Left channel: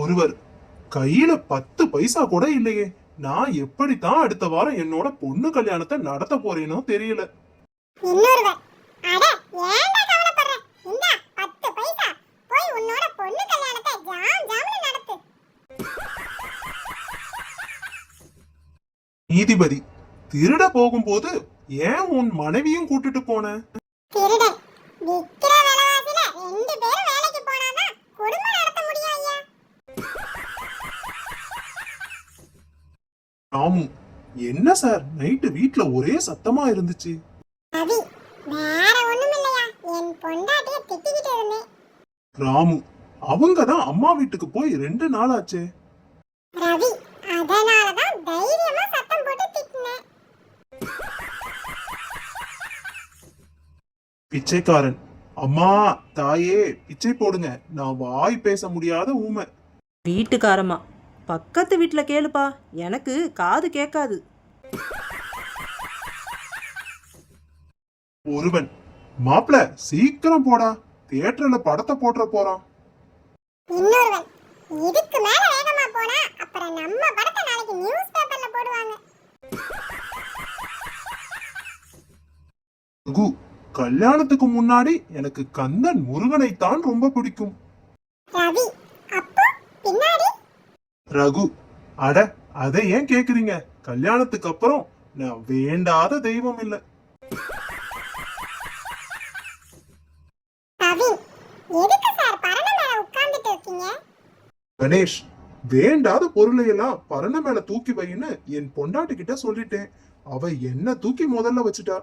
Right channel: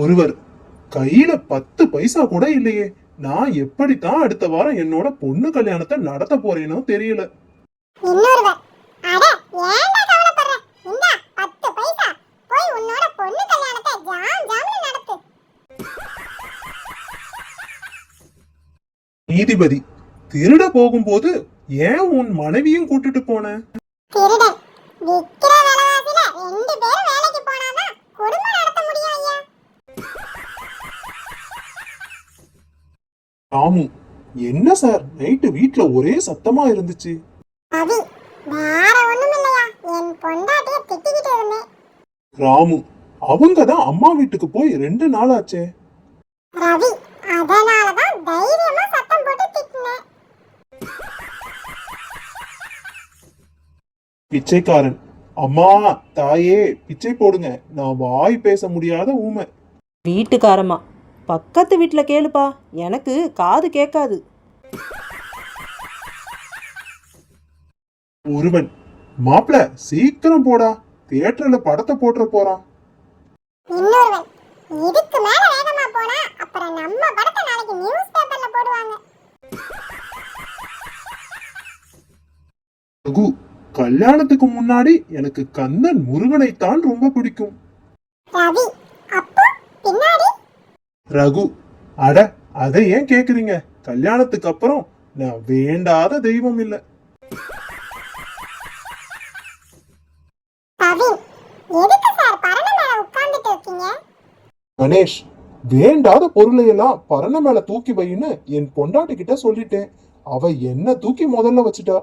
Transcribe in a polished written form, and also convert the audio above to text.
ஒருவர், கையில 10 பைசா கூட இல்லையே, நான் எப்படித்தான் அடுத்த வாரம் என்னோட பொண்ணு கல்யாணத்தை நடத்த போறேனோ தெரியல. இன்னொருவர், அட ஏன்டா கவலைப்படுற, இந்தா 10 பைசா, போய் உன்னோட பொண்ணு கல்யாணத்தை ஜாம்னு நடத்து. நீதிபதி, திருட போகும்போது ஏன் உன் மனைவியும் கூட்டிட்டு போன? திருடன், விக்கிற விலைவாசில 2 பேரும் வேலைக்கு போனாதான் குடும்பம் நடத்த முடியும் ஐயா. ராமு, என்ன சார் நைட்டு வீட்ல ஒரே சத்தமா இருந்துச்சு? ரவி, வேற ஒண்ணும் இல்லையா, என் பொண்டாட்டிய திட்டிக்கிட்டு இருந்தேன். ராமு, அவங்க தான் அம்மா வீட்டுக்கு போய் 2 நாள் ஆச்சே. ரவி, அதனாலதான் தைரியமா சத்தம் போட்டு திட்டினேன். பிச்சைக்காரன், அம்மா தாயே பிச்சை போடுங்க, நான் வாய் பேச முடியாத ஊமை. வீட்டுக்காரமா, பக்கத்து வீட்டில் கேளுப்பா, எனக்கு காது கேட்காது. ஒருவன், மாப்பிள சீக்கிரம் போடா, தியேட்டர்ல படத்தை போட்டுற போறான். இன்னொருவன், இதுக்கு மேல வேகமா போனா அப்புறம் நம்ம படத்தை நாளைக்கு நியூஸ் பேப்பர்ல போடுவாங்க. ரகு, கல்யாணத்துக்கு முன்னாடி எனக்கு கந்தன் முருகனைத்தான் ரொம்ப பிடிக்கும். ரவி, அப்போ பின்னாடி? ரகு, அட அதை ஏன் கேக்குறீங்க, கல்யாணத்துக்கு அப்புறம் நான் வேண்டாத தெய்வம் இல்ல. ரவி, எதுக்கு சார் பரண மேல உட்கார்ந்துட்டு இருக்கீங்க? கணேஷ், வேண்டாத பொருளை எல்லாம் பரண மேல தூக்கி வைன்னு என் பொண்டாட்டி கிட்ட சொல்லிட்டேன். அவ என்ன தூக்கி முதல்ல வச்சுட்டா.